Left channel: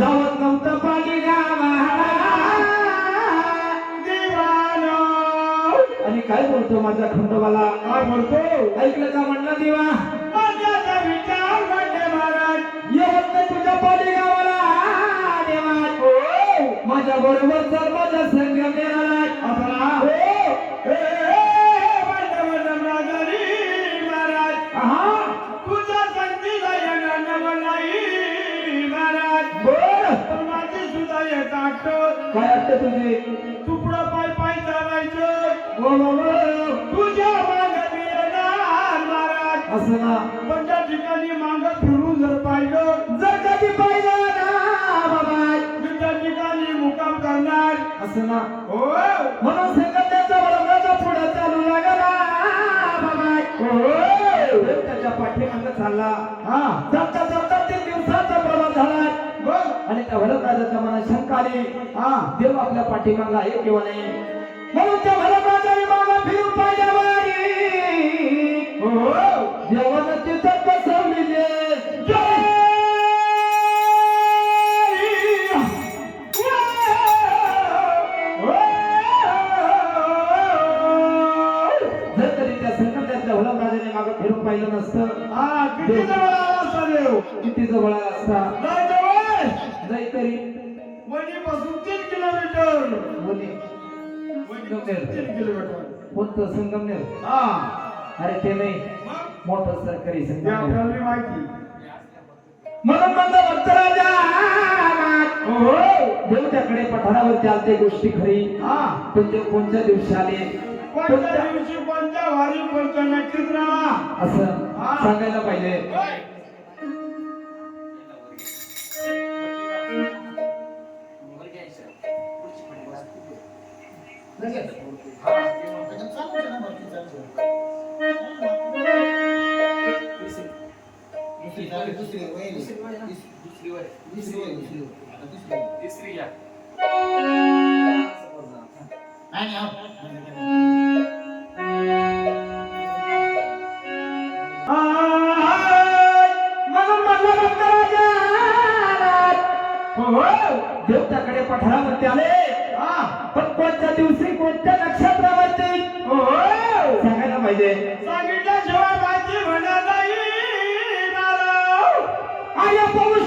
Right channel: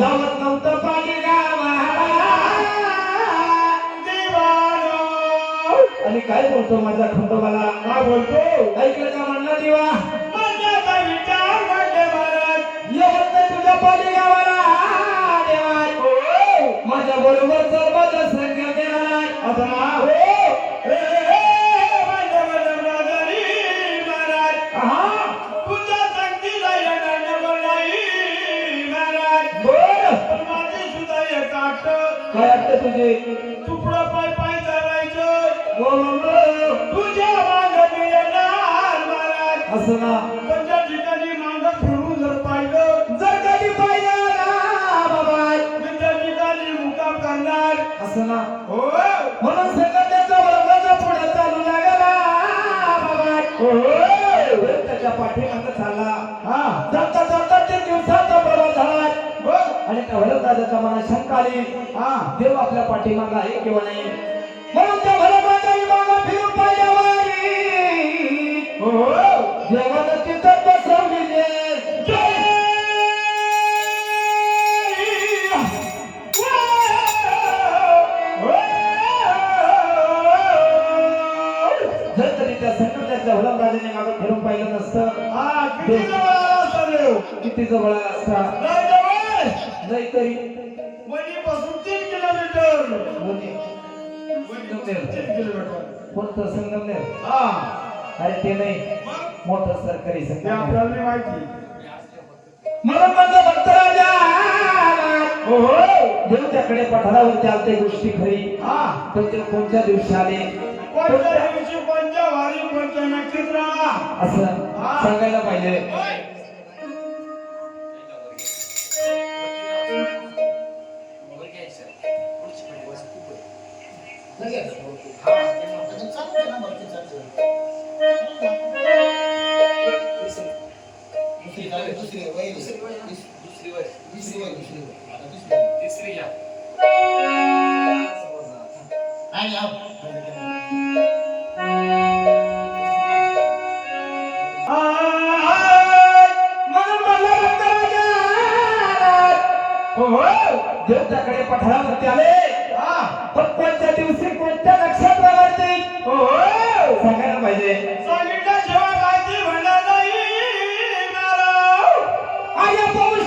जावत नव्हतं पाणी गावाला दिवाना आणि काय बोलतो माझा खंडोबाला काय बोलतो ऐकलं का म्हणला दिवा माझ्या विचार म्हणते महाराज येवत नाही तुझ्या पाणी गावाला देवा माझ्या बरोबर जर माझ्या संग गेला आता काय वाटतं तुझे तुकडं पाय पाय चालायचं तुझ्या मागे येणार महाराज असं ना पण त्या ठिकाणी मांग फिरून जर पाहिलं जर कधी पाहिजे ना बाबा मी त्या ठिकाणी मुकाम करणार असं ना हो म्हणून संगमनेरचा बरोबरचा पुढे चालू लागला बाबा त्याच्या पाठीमागे चालला हा जपता जपता 3 दिवसाचा प्रवास झाला आणि त्या भरतराजाच्या मनात शंका आली हा देव आपल्या पाठीमागे आहे किंवा नाही म्हणून त्या भरतराजाने मागे फिरून पाहिल्यावर देवानं तिथं बसवलेले जर तरी त्या संकटाच्या भरतराजाने मागे फिरून पाहिलं नसतं हा किती जवळ आला असता देव किती जवळ असता लय जवळ नाही तरी वणीपासून 3 किलोमीटर होते वणीपासून 3 किलोमीटर कोणतं संगमनेर हा अरे ते नाही मग मोठं सरकारी ते संगमनेर आपल्याला नाही माहिती म्हणून माझा भक्तराजा हो देवच्याकडे पठारावरती आलते गोष्टी खरी हा पण ते कोणत्या दिवशी आले कोणत्या दिवशी कोणत्या वारी कोणत्या नक्षत्राला असं हा. सांगायला पाहिजे देवताकडे पठारावरती आले हा पण कोणत्या दिवशी कोणत्या नक्षत्रावरती हो सांगायला पाहिजे सांगितल्याशिवाय माहिती होणार नाही महाराज आया पाऊस